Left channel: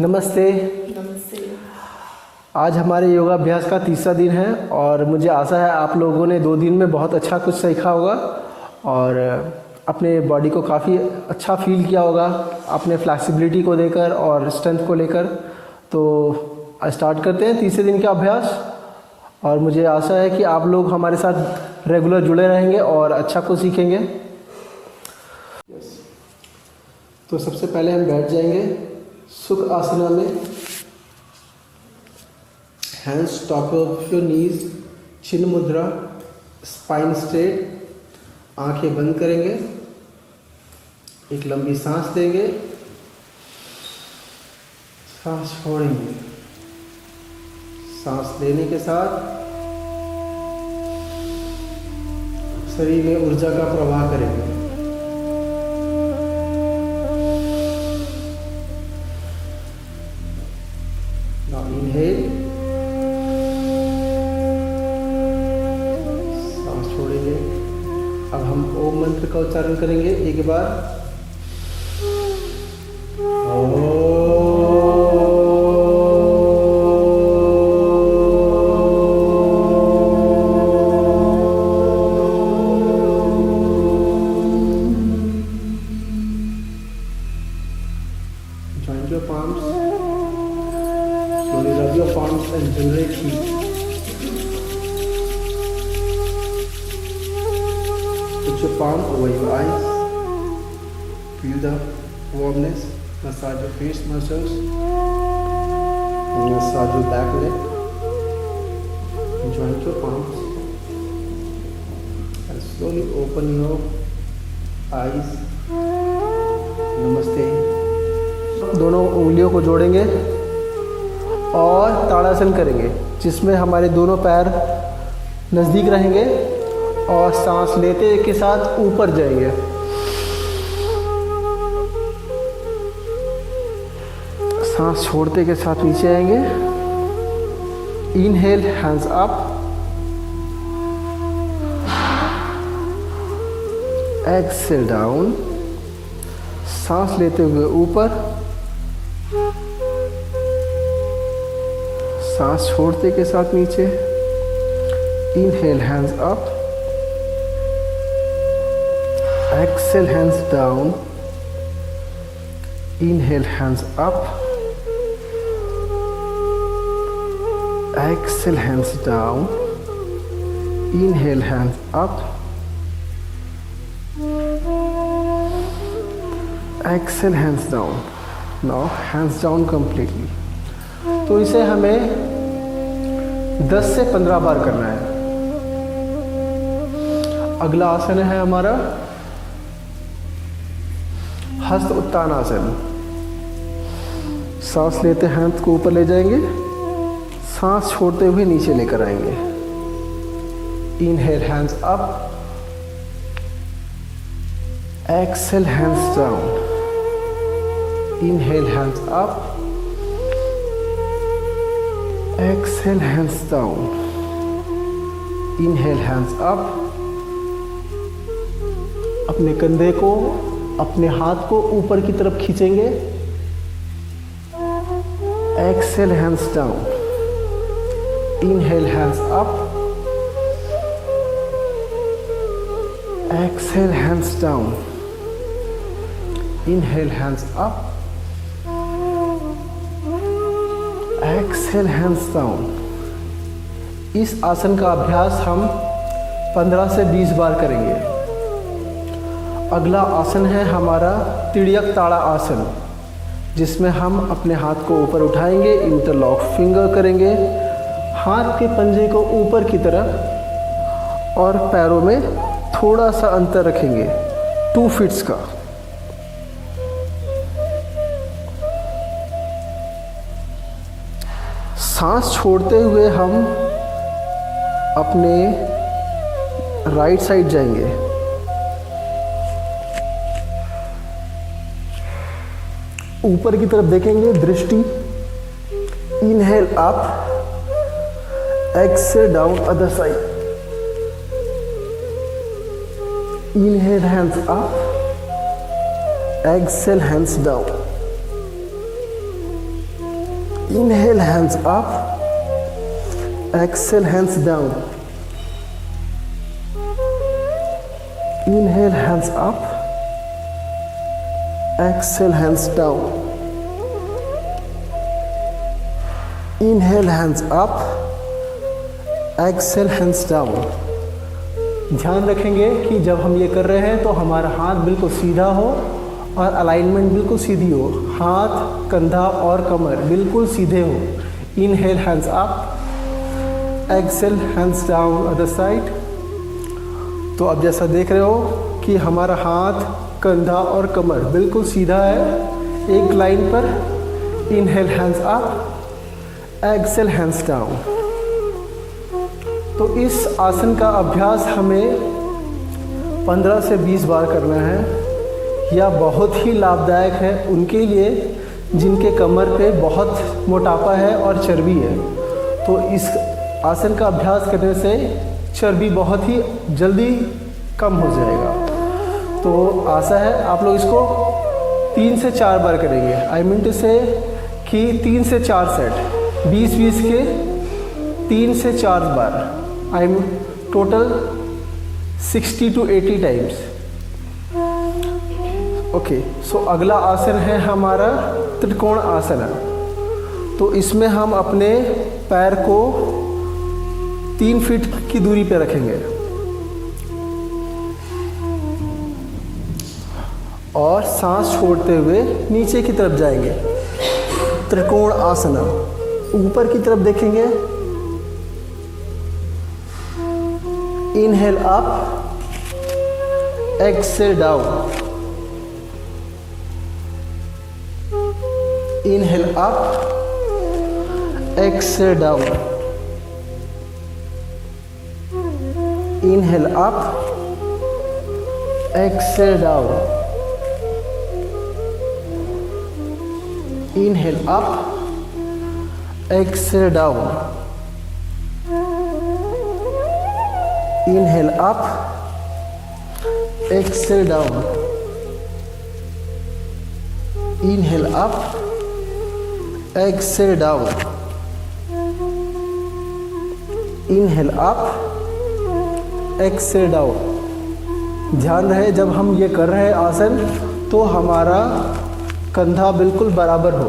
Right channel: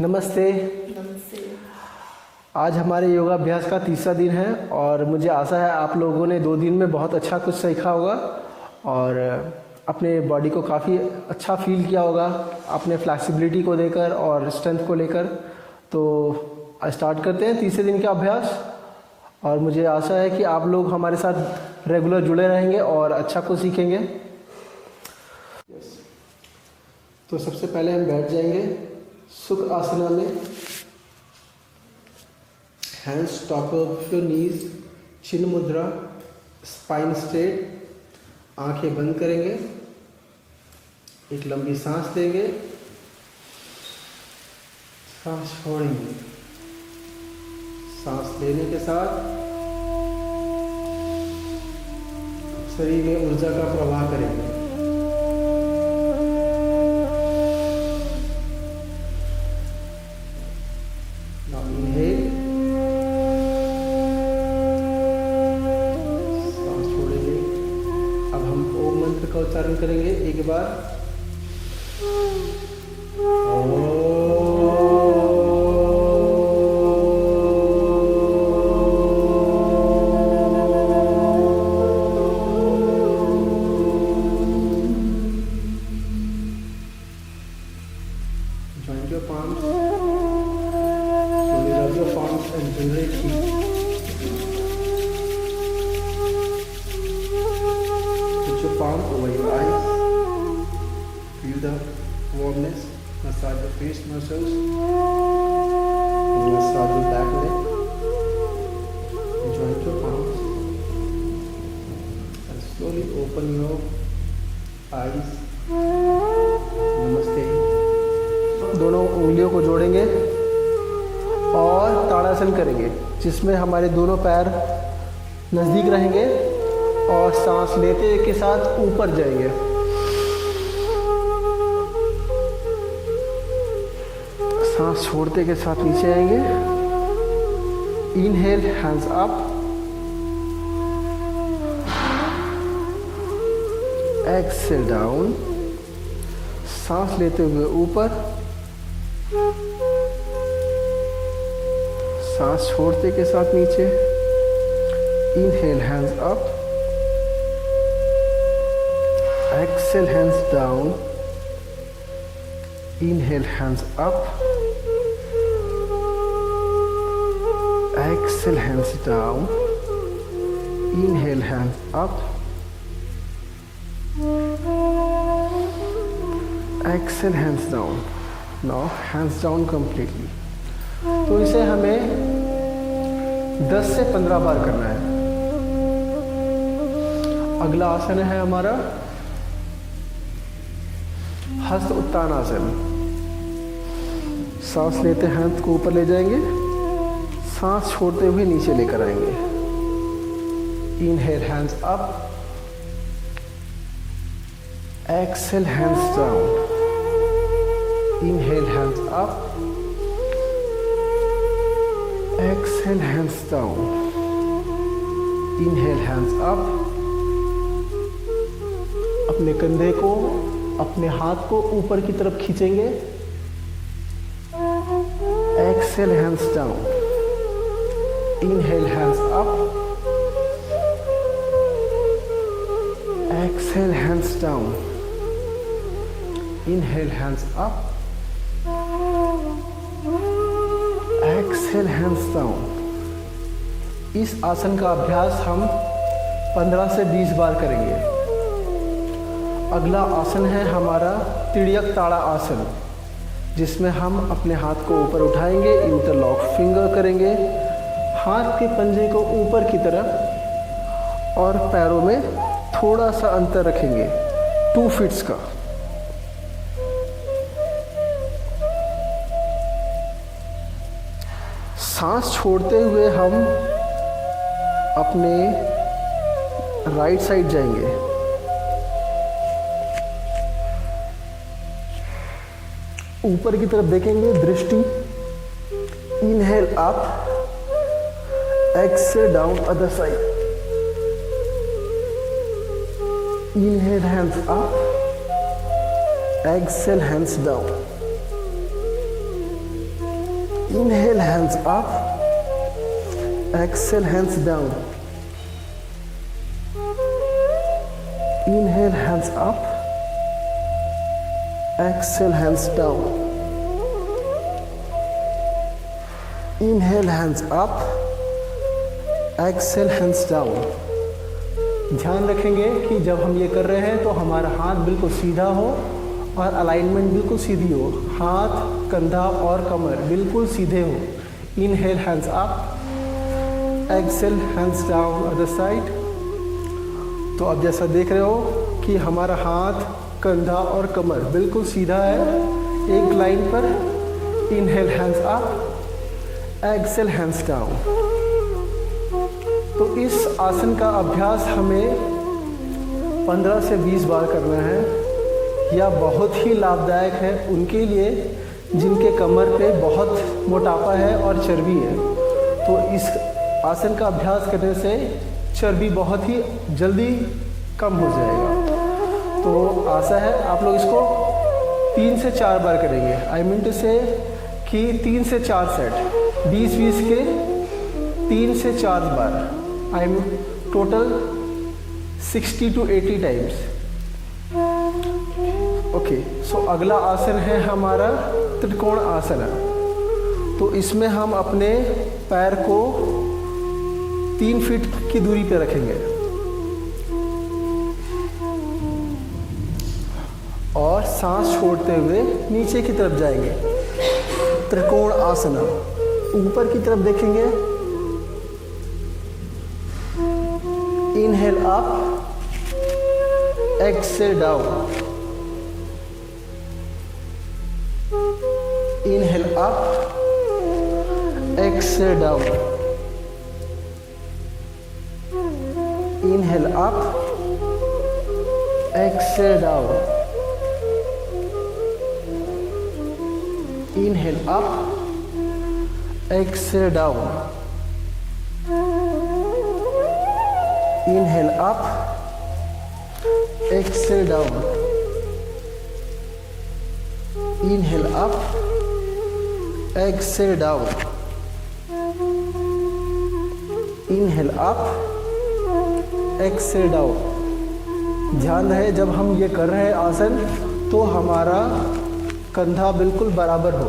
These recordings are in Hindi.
नमस्ते। नमस्ते। आज हमारे योगाभ्यास का तीसरा दिन है और मुझे आशा है आप लोगों ने 2 दिन में बहुत अच्छा कुछ सीखा होगा और अपने बॉडी को काफ़ी अच्छा फील किया होगा अपने फ्लैक्सिबिलिटी को लेकर और स्ट्रेंथ को लेकर। तो स्टार्ट करते हैं तीसरे दिन का अभ्यास और मुझे आशा है कि आप लोग हमारे साथ रेगुलर जुड़े रहेंगे और अच्छा कुछ सीखेंगे। तो सबसे पहले हम बैठ जाएंगे सुख आसना में। Hands top of your knees, chin mudra, spine straight, आंखें बंद करेंगे, एक लंबी सांस लेंगे, सांस छोड़ेंगे। सांस लेने के साथ शरीर में ऊर्जा का प्रवाह करेंगे। उच्चारण करेंगे एक बार। Join your palms. Slowly rub your palms and generate heat. Palm over your eyes. Feel the warmness. Massage your face muscles. Massage your back neck. Join your palms and slowly open your eyes. नमस्ते। दोनों उंगलियों को जोड़ेंगे और ताड़ासन करेंगे जिसमें हमारे दोनों पैर नज़दीक रहेंगे और सांस लेते के साथ ऊपर जाएंगे। सांस छोड़ते के साथ नीचे आएंगे। Inhale, hands up. Exhale down. सांस लेते हुए ऊपर। सांस छोड़ते के साथ नीचे। Inhale, hands up. Exhale, hands down. Inhale, hands up. Exhale, hands down. Inhale, hands up. Exhale, hands down. Now hands down completely. तो इसे हमें 10 से 15 बार करना है। अगला आसन है हमारा हस्त उत्तान आसन। सांस लेते हाथ को ऊपर ले जाएंगे, सांस छोड़ते हुए नीचे लेकर आएंगे। Inhale, hands up. Exhale, hands down. Inhale, hands up. Exhale, hands down. Inhale, hands up. अपने कंधे को, अपने हाथ को ऊपर की तरफ खींचेंगे। Exhale, hands down. Inhale, hands up. Exhale, hands down. Inhale, hands up. Exhale, hands down. इस आसन का अभ्यास हम 15 से 20 बार करेंगे। अगला आसन है हमारा तिर्यक ताड़ा आसन, जिसमें हम अपने हाथ को ऊपर उठाएंगे, इंटरलॉक फिंगर करेंगे, हाथ के पंजे को ऊपर की तरफ और पैरों में थोड़ा सा अंतर रखेंगे 2 फीट्स का। सांस छोड़ते हुए हम अपने राइट साइड जाएंगे। ऊपर की तरफ देखेंगे, दृष्टि। Inhale up, exhale down other side. Inhale, hands up, exhale, hands down. Inhale, hands up. Exhale, hands down. Inhale, hands up. Exhale, hands down. Inhale, hands up. Exhale, hands down. ध्यान रखेंगे कि जब हम ये कर रहे हैं तो हमारा हाथ बिल्कुल सीधा हो और अलाइनमेंट बिल्कुल सीधी हो। हाथ, कंधा और कमर बिल्कुल सीधे हो। Inhale, hands up. Exhale, hands down other side. तो अब जैसा देख रहे हो कि हमारा हाथ, कंधा और कमर बिल्कुल सीधा है एक लाइन पर। Inhale, hands up. Exhale, hands down. तो इस आसन का अभ्यास हमें 15 से 20 बार करना है। यह बहुत ही लाभदायक है उनके लिए जिनके कमर पे बहुत मोटापा है और चर्बी है। तो इस आसन का अभ्यास करने से चर्बी बहुत ही जल्दी कम हो जाएगा। तो आशा है आप लोग इसको 3 से 4 बार करेंगे। आई मीन टू से कि 3 से 4 सेट 20-20 के 3 से 4 बार। I mean total 60 to 80 times. Okay, so अगला आसन है हमारा त्रिकोण आसन। तो इसमें हम अपने पैर को 3 फीट की दूरी पे रखेंगे और सांस छोड़ते हुए नीचे की तरफ जाएंगे। त्रिकोण आसन। ऊपर की तरफ देखेंगे। Inhale up, exhale down. Inhale up, exhale down. Inhale up, exhale down. Inhale up, exhale down. Inhale up, exhale down. Inhale up, exhale down. Inhale up, exhale down. ध्यान रहे जब हम ये कर रहे हैं आसन तो हमारा कंधा बिल्कुल बराबर हो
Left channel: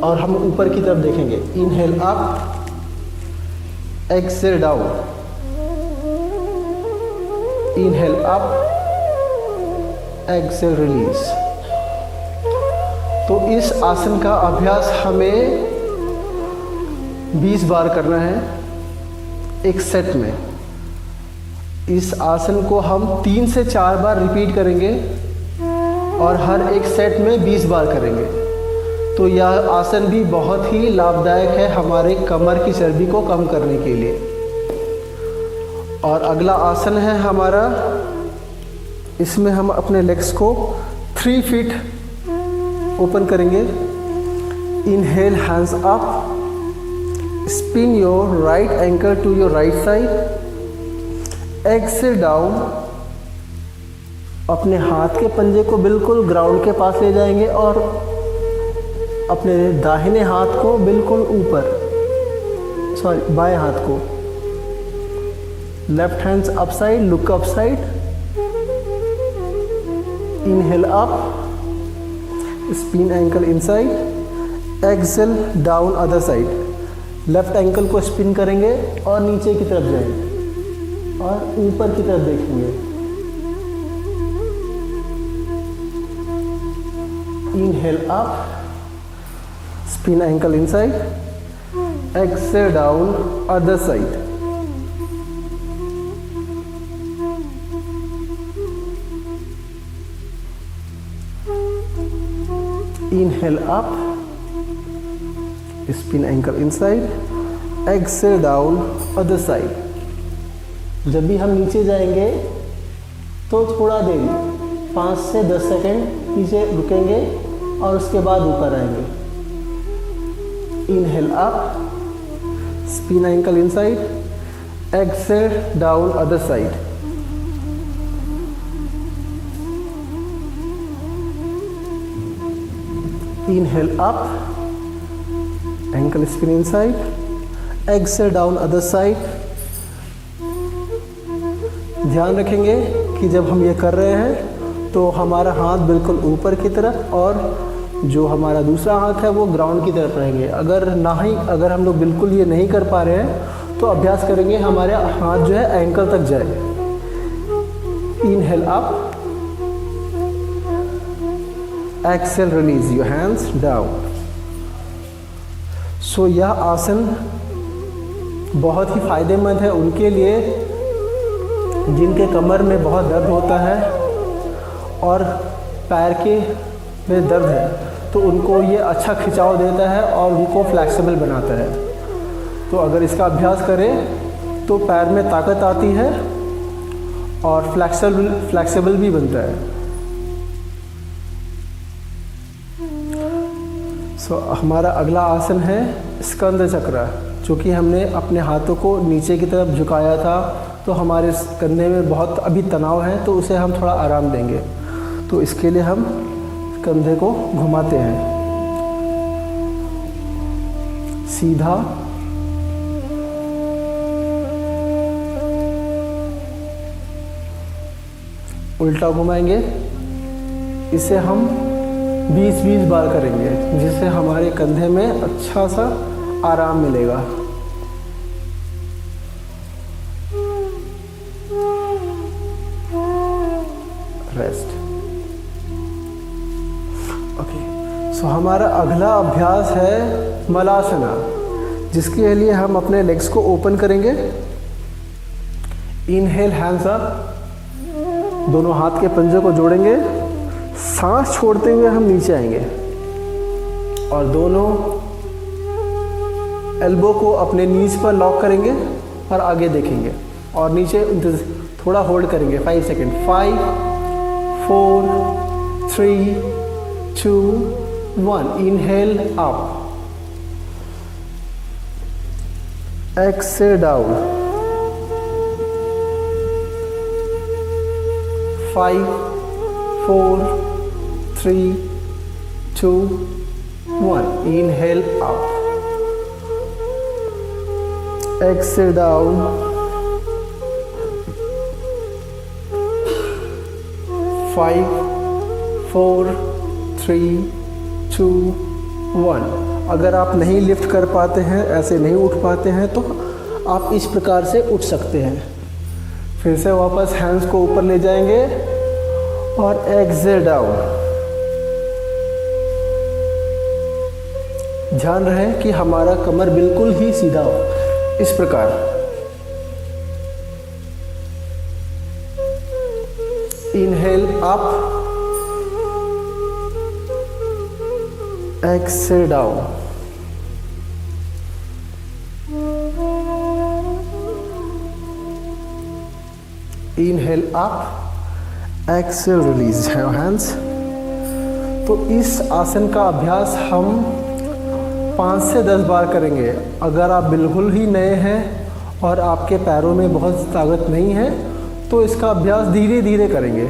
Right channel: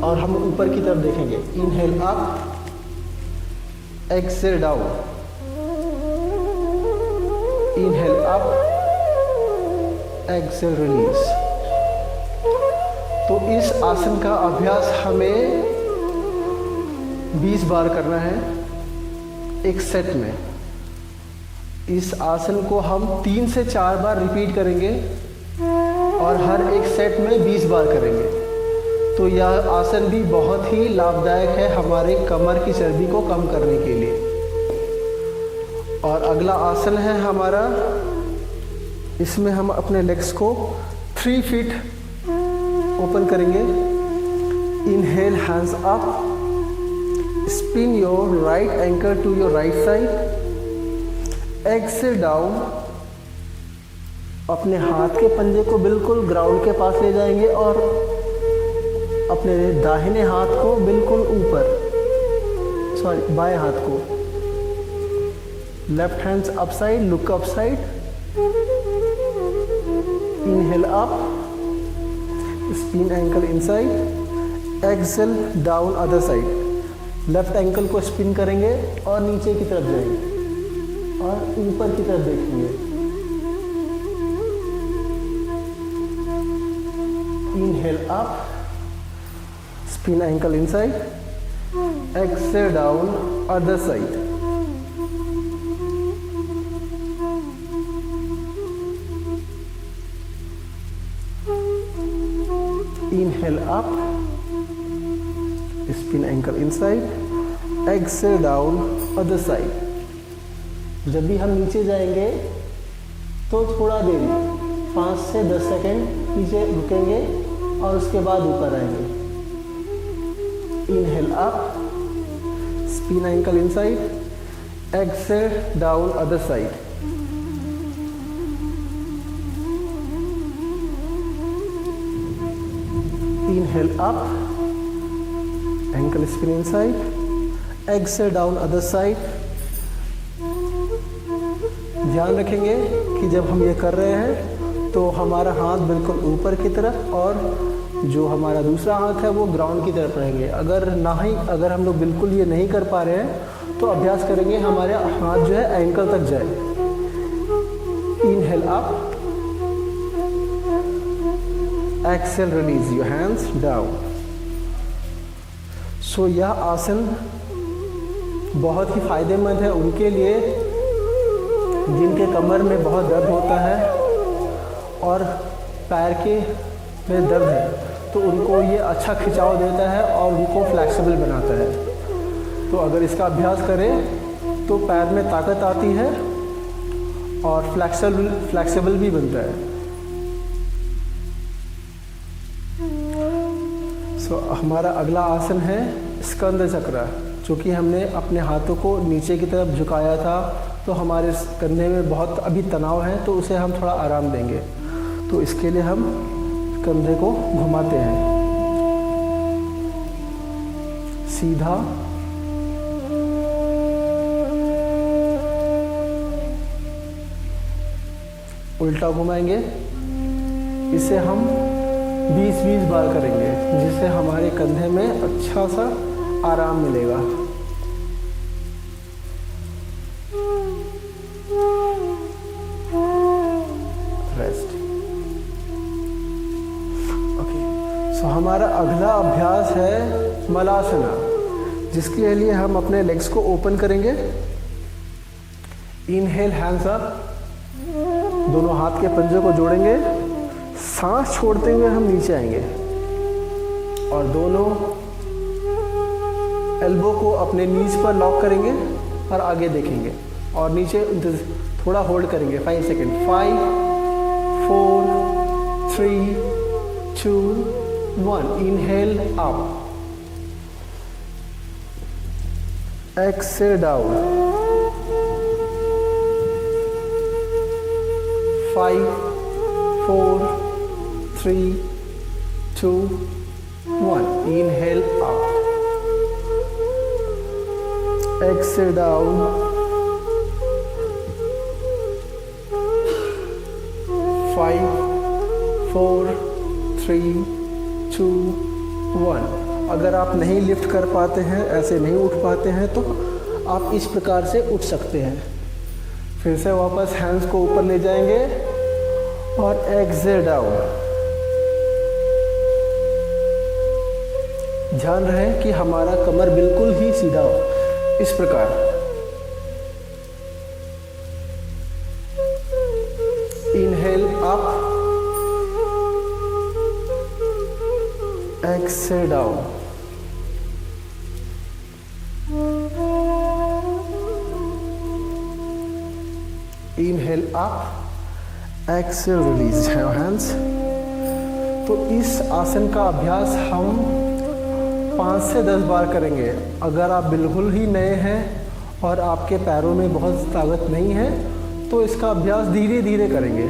और हम ऊपर की तरफ देखेंगे। Inhale up, exhale down. Inhale up, exhale release. तो इस आसन का अभ्यास हमें 20 बार करना है एक सेट में। इस आसन को हम 3 से 4 बार रिपीट करेंगे और हर एक सेट में 20 बार करेंगे। तो यह आसन भी बहुत ही लाभदायक है हमारे कमर की चर्बी को कम करने के लिए। और अगला आसन है हमारा, इसमें हम अपने लेग्स को 3 फीट ओपन करेंगे। Inhale, hands up, spin your right ankle to your right side. Exhale down. अपने हाथ के पंजे को बिल्कुल ग्राउंड के पास ले जाएंगे और अपने दाहिने हाथ को बिल्कुल ऊपर, सॉरी बाएं हाथ को। Left hands up side, look up side. Inhale up, spin ankle inside. Excel down other side. Left ankle को स्पिन करेंगे और नीचे की तरफ जाएंगे और ऊपर की तरफ देखेंगे। Inhale up, spin ankle inside. Excel down other side. Inhale up, spin ankle inside, exhale down other side. जब भी हम नीचे जाएंगे तो थोड़ा देर 5 से 10 सेकेंड नीचे रुकेंगे और उसके बाद ऊपर आएंगे। Inhale up, spin ankle inside, exhale down other side. Inhale up, ankle spin inside, exhale down other side. ध्यान रखेंगे कि जब हम ये कर रहे हैं तो हमारा हाथ बिल्कुल ऊपर की तरफ और जो हमारा दूसरा हाथ है वो ग्राउंड की तरफ रहेंगे. अगर हम लोग बिल्कुल ये नहीं कर पा रहे हैं तो अभ्यास करेंगे हमारे हाथ जो है एंकल तक जाए. Inhale up, exhale release your hands down. So यह आसन बहुत ही फायदेमंद है उनके लिए जिनके कमर में बहुत दर्द होता है और पैर के में दर्द है, तो उनको ये अच्छा खिंचाव देता है और उनको फ्लेक्सिबल बनाता है. तो अगर इसका अभ्यास करें तो पैर में ताकत आती है और फ्लेक्सिबल भी बनता है. सो हमारा अगला आसन है स्कंद चक्र. चूँकि हमने अपने हाथों को नीचे की तरफ झुकाया था तो हमारे कंधे में बहुत अभी तनाव है, तो उसे हम थोड़ा आराम देंगे. तो इसके लिए हम कंधे को घुमाते हैं सीधा, उल्टा घुमाएंगे. इसे हम 20-20 बार करेंगे जिससे हमारे कंधे में अच्छा सा आराम मिलेगा. रेस्ट. ओके, सो हमारा अगला अभ्यास है मलासना, जिसके लिए हम अपने लेग्स को ओपन करेंगे. इनहेल हैंड्स अप, दोनों हाथ के पंजे को जोड़ेंगे, सांस छोड़ते हुए हम नीचे आएंगे और दोनों एल्बो को अपने नीज पर लॉक करेंगे और आगे देखेंगे और नीचे थोड़ा होल्ड करेंगे 5 second. 5 4 3 2 1. Inhale up, exhale down. 5 4 3 2 1. Inhale up, exhale down. 5 4 3 2 1. अगर आप नहीं लिफ्ट कर पाते हैं, ऐसे नहीं उठ पाते हैं, तो आप इस प्रकार से उठ सकते हैं. फिर से वापस हैंड्स को ऊपर ले जाएंगे और एक्सेल डाउन. ध्यान रहे कि हमारा कमर बिल्कुल ही सीधा हो, इस प्रकार. Inhale up, exhale down. Inhale up, exhale release your hands. तो इस आसन का अभ्यास हम 5 से 10 बार करेंगे. अगर आप बिल्कुल ही नए हैं और आपके पैरों में बहुत ताकत नहीं है तो इसका अभ्यास धीरे धीरे करेंगे.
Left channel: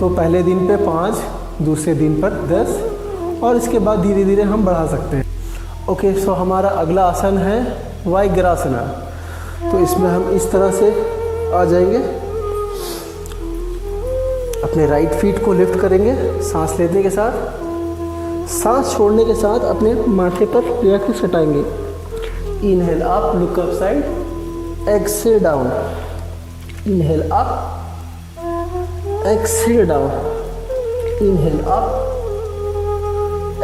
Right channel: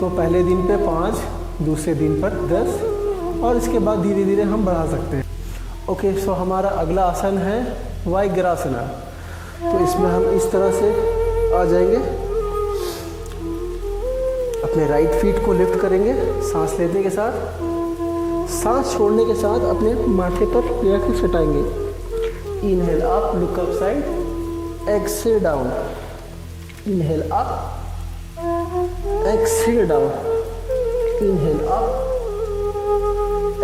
तो पहले दिन पे 5, दूसरे दिन पर 10 और इसके बाद धीरे धीरे हम बढ़ा सकते हैं. ओके, सो हमारा अगला आसन है वाइग्रासना. तो इसमें हम इस तरह से आ जाएंगे, अपने राइट फीट को लिफ्ट करेंगे सांस लेने के साथ. सांस छोड़ने के साथ अपने माथे पर या कुछ हटाएंगे. Inhale up, look up side, exhale down. Inhale up, exhale down. Inhale up,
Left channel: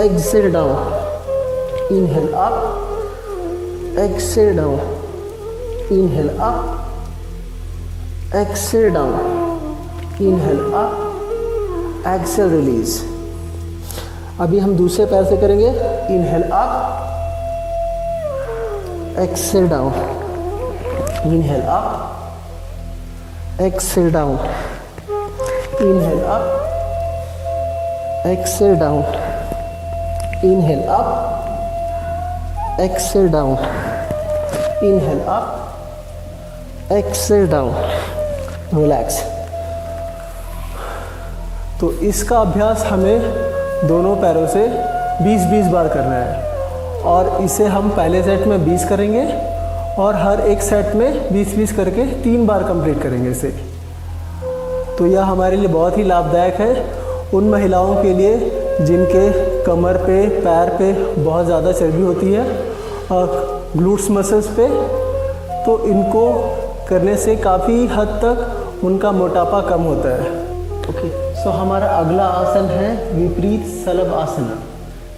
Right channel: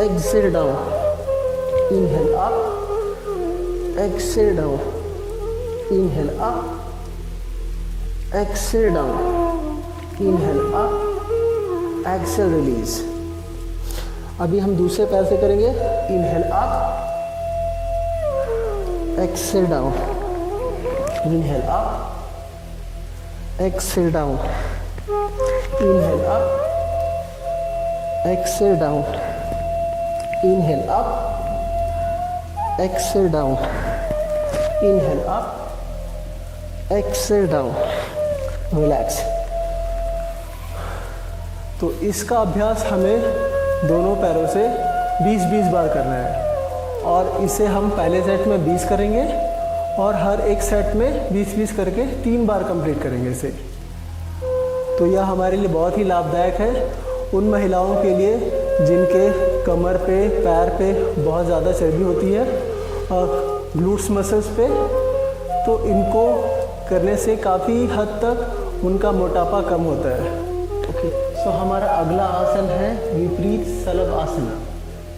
exhale down. Inhale up, exhale down. Inhale up, exhale down. Inhale up, exhale release. अभी हम दूसरे पैर से करेंगे. Inhale up, exhale down. Inhale up, exhale down. Inhale up, exhale down. Inhale up, exhale down. Inhale up, exhale down. Relax. तो इसका अभ्यास हमें दोनों पैरों से 20-20 बार करना है। और इसे हम पहले सेट में 20 करेंगे और हर एक सेट में 20-20 करके 3 बार कंप्लीट करेंगे इसे। तो यह हमारे लिए बहुत ही लाभदायक है उन महिलाओं के लिए जिनके कमर पे, पैर पे बहुत ज़्यादा चर्बी होती है और ग्लूट्स मसल्स पे। तो इनको करने से काफ़ी हद तक उनका मोटापा कम होता है। ओके, सो हमारा अगला आसन है विपरीत शलभ आसन,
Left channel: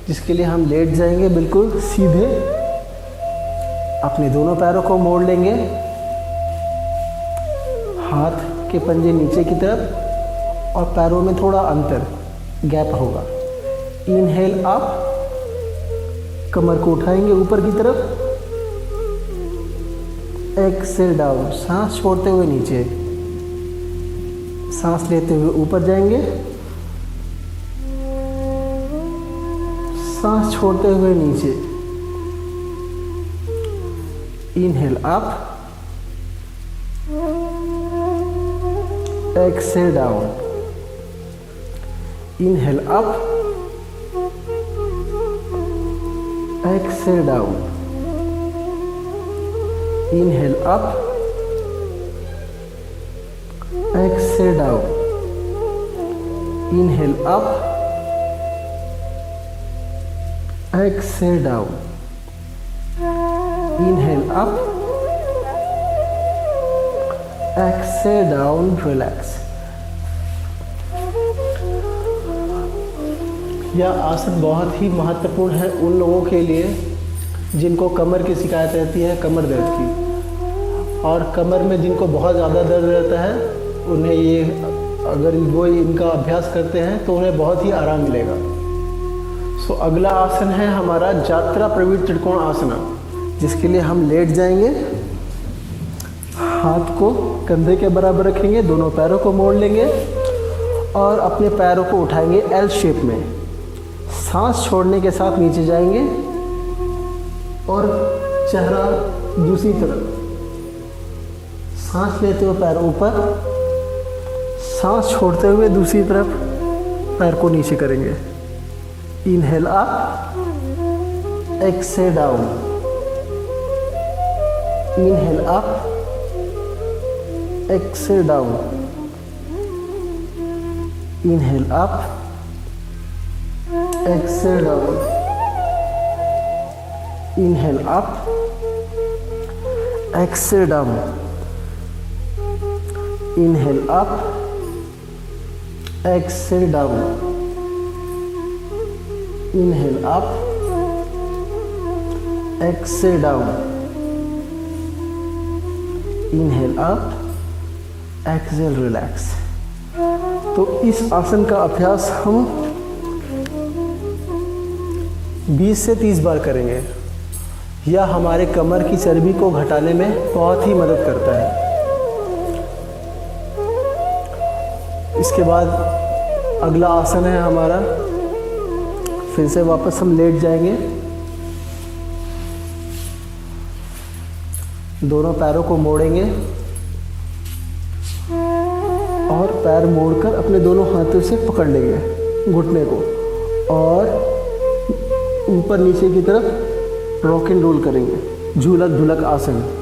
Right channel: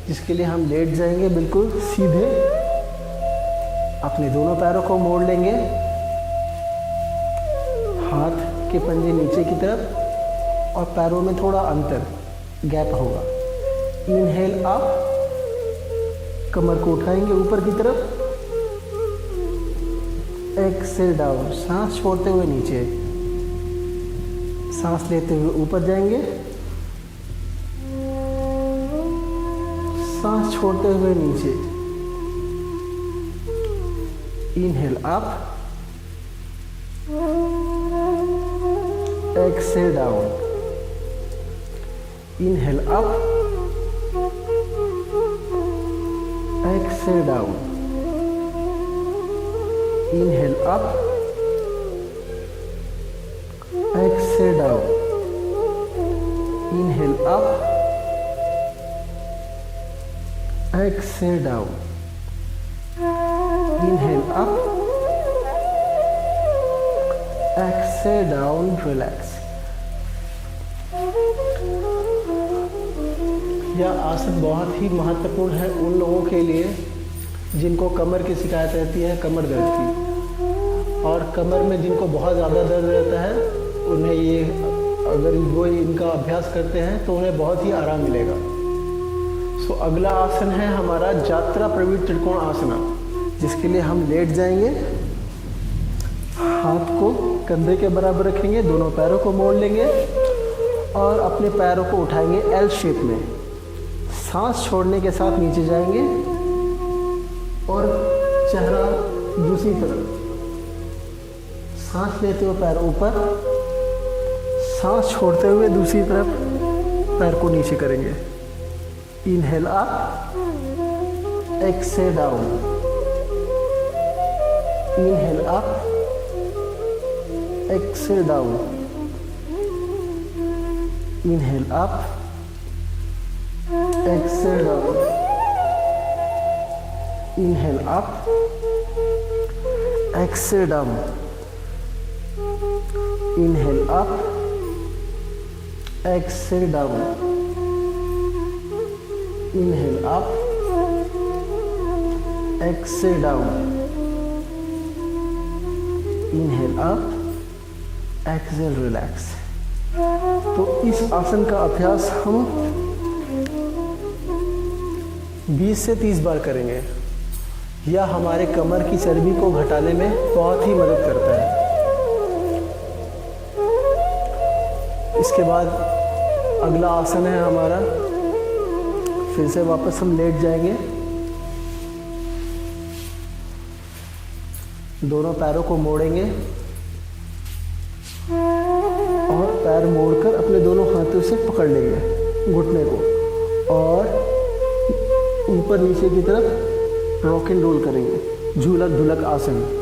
जिसके लिए हम लेट जाएंगे बिल्कुल सीधे, अपने दोनों पैरों को मोड़ लेंगे, हाथ के पंजे नीचे की तरफ और पैरों में थोड़ा अंतर, गैप होगा। इनहेल अप, कमर को उठाएंगे ऊपर की तरफ, एक्सेल डाउन, सांस छोड़ते हुए नीचे, सांस लेते हुए ऊपर जाएंगे, सांस छोड़ते हुए नीचे। Inhale up, exhale down, inhale up, exhale down, inhale up, exhale down, inhale up, exhale down, inhale up, exhale down, relax. यह आसन बहुत ही महत्वपूर्ण है उन लोगों के लिए जिनको कमर की शिकायत रहती है, कमर दर्द की, और कमर में जिनको बहुत ज़्यादा दर्द रहता है, उन्हें ये अगर वो इनका अभ्यास करते हैं तो उन्हें बहुत ही आराम मिलेगा। सो अगला आसन है हमारा यात्रा प्रवीण त्रिकोण आसना, जिसके लिए हम लेट जाएंगे, हाथ को कंधे के बराबर रखेंगे, दोनों पैरों को मोड़ लेंगे और अपने पैरों को उठाएंगे एल शेप में, सांस छोड़ने के साथ नीचे जाएंगे और चेहरा दूसरी तरफ, सांस लेते हुए पैर ऊपर, सांस छोड़ते हुए दूसरी तरफ पैर को नीचे करेंगे। Inhale up, exhale down, inhale up, exhale down, inhale up, exhale down, inhale up, exhale down, inhale up, exhale down, inhale up, exhale down, inhale up, exhale relax. तो इस आसन का अभ्यास हम 20 से 30 बार करेंगे। यह हमारे कमर की चर्बी को घटाने में बहुत ही मदद करता है। इसके बाद अगला आसन है हमारा, फिर से वापस हम लेट जाएंगे, दोनों पैरों को मोड़ेंगे और पैर मोड़कर अपने दोनों हाथों से पकड़ लेंगे घुटने को और ऊपर नीचे की तरफ रॉक एंड रोल करेंगे, झूलक झूलक आसन।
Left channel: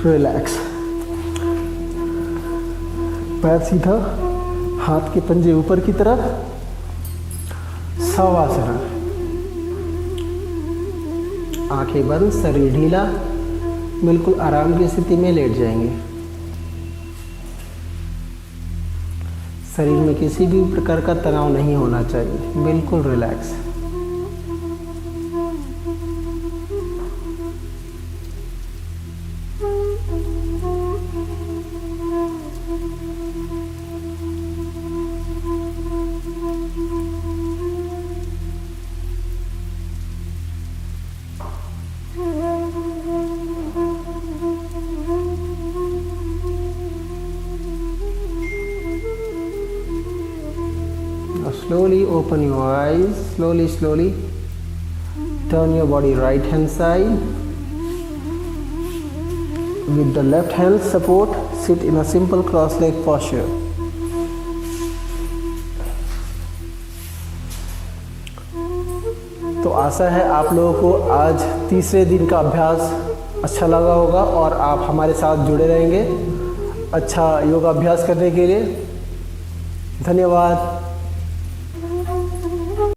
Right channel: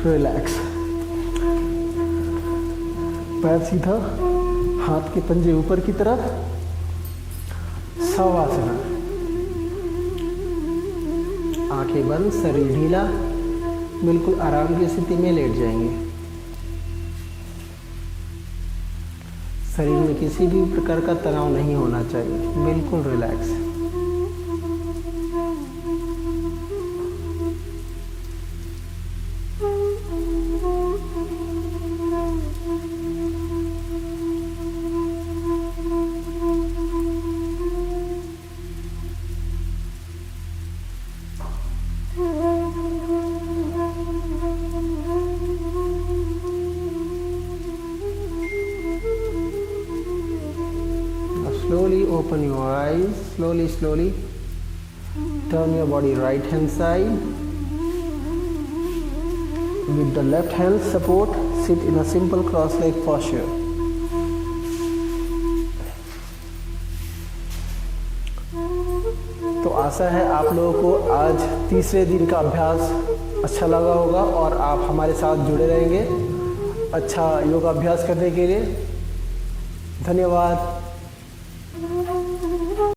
रिलैक्स, पैर सीधा, हाथ के पंजे ऊपर की तरफ, शवासना, आंखें बंद, शरीर ढीला, बिल्कुल आराम की स्थिति में लेट जाएंगे। शरीर में किसी भी प्रकार का तनाव नहीं होना चाहिए, बिल्कुल relax. open your eyes. Slowly, slowly. Turn your body right hand side. With the left hand support, sit in a simple cross-leg posture. तो आशा है आप लोगों को आज तीसरे दिन का अभ्यास अच्छा लगा होगा और आप हमारे साथ जुड़े रहेंगे अच्छा योगाभ्यास करने के लिए। धन्यवाद।